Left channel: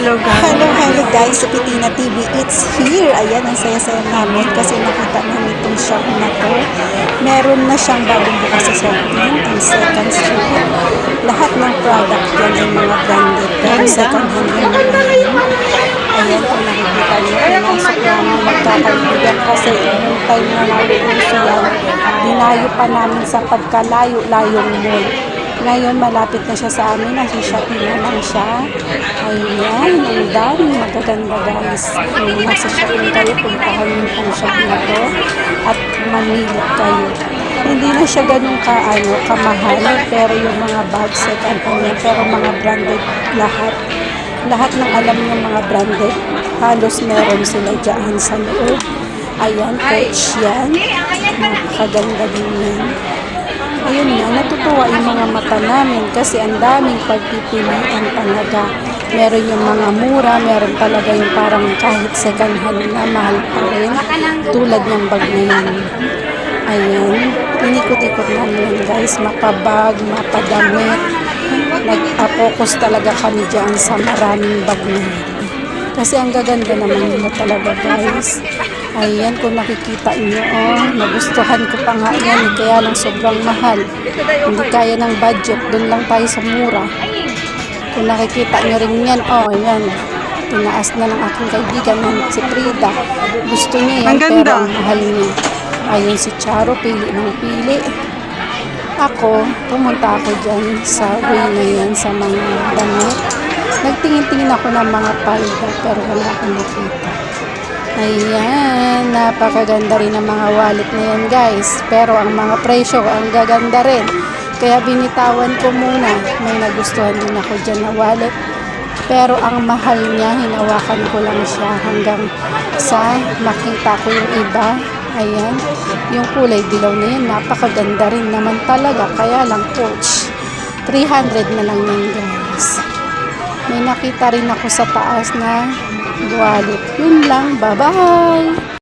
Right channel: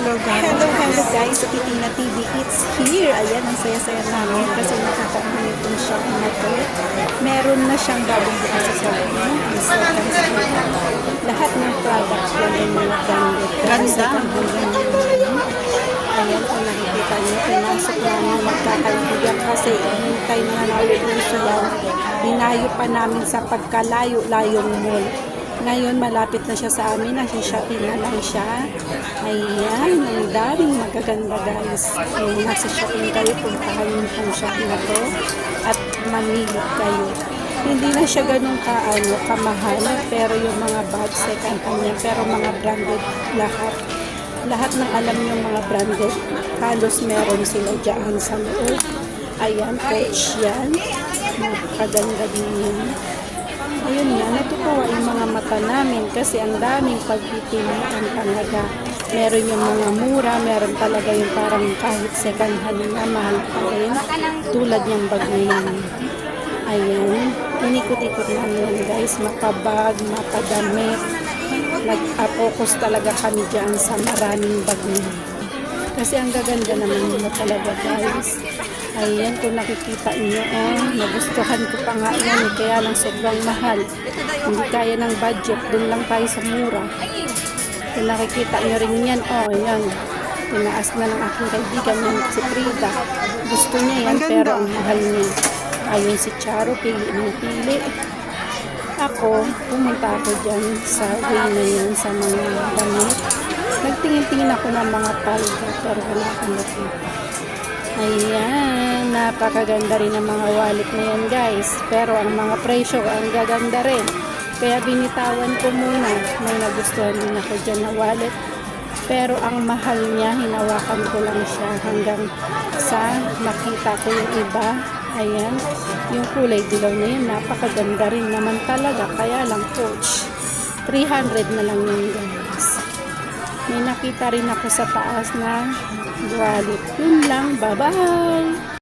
Hello guys. Hello guys, sa Pitina TV, it's here. Ayan, ang saya-saya namin kasi nakita namin itong shop na to. Meron na siyang bagong bukas sa Shopee, ang second street. Lahat ng product yan yung mga branded. Pero second hand yung mga yun. Ayan, kung nakikita niyo, pinasok namin magkakaibigan kasi yung time na nauuso yan, dinayo pa namin sa pagkalayo-layong mall. Ngayon, malapit na siya sa amin. Nasa Shopee na lang siya. Ayan, ang daming magaganda guys. Kung nasa Shopee kayo, puntahan niyo itong shop na to at manilip kayo. Hindi na siya ganun kamahal, pero yung mga bag set and all, pero mga branded lahat. Lahat ng alam niyo mga branded, halos meron sila dyan sa loob. Ayan, Coach yan. Magaganda din yan. Ayun na, natutuwa yung mga mata namin kasi ang daming pagpipilian talaga. Meron yung mga mura, meron talaga yung parang kahit second hand na mahal pa rin. Tulad ng bag na yan. Ayan, inikot-ikot namin guys, mapabag, mapadamit. Nag-focus talaga kami dyan sa maraming bag na yan. Kasi ang gaganda naman nila talaga guys. Ayan, kung nakikita nyo, nagustuhan ko pa nga yan, kaya lang sobrang mahal. Hindi kaya ng budget, doon lang tayo sa mura. Kung nakikita nyo rin yan, yan. Tinaas na ng aking kaibigan, si Frida. Gusto niya yan, pero ang mahal niya. Ayun si Charo, pili ng pili. Ako, pumunta ako dyan sa way na yan, sa mga damit. Nagtingin-tingin ako ng mga palda, pero wala akong nakita. Ayan, napakaganda rin ang mga wallet na yan guys. Pero ang mga presyo, ang gaganda rin. Kaya binitawan ko muna. May nagustuhan din ako dyan na wallet. Pero ang mahal niya, hinawakan ko lang siya hanggang sa makita ko yung iba. Ayan, yung kulay dilaw na yun, napakaganda rin naman talaga. Kaya lang Coach, 300 na lang yun guys. May nakita rin ako sa taas na wallet. Yun lang. Bye-bye!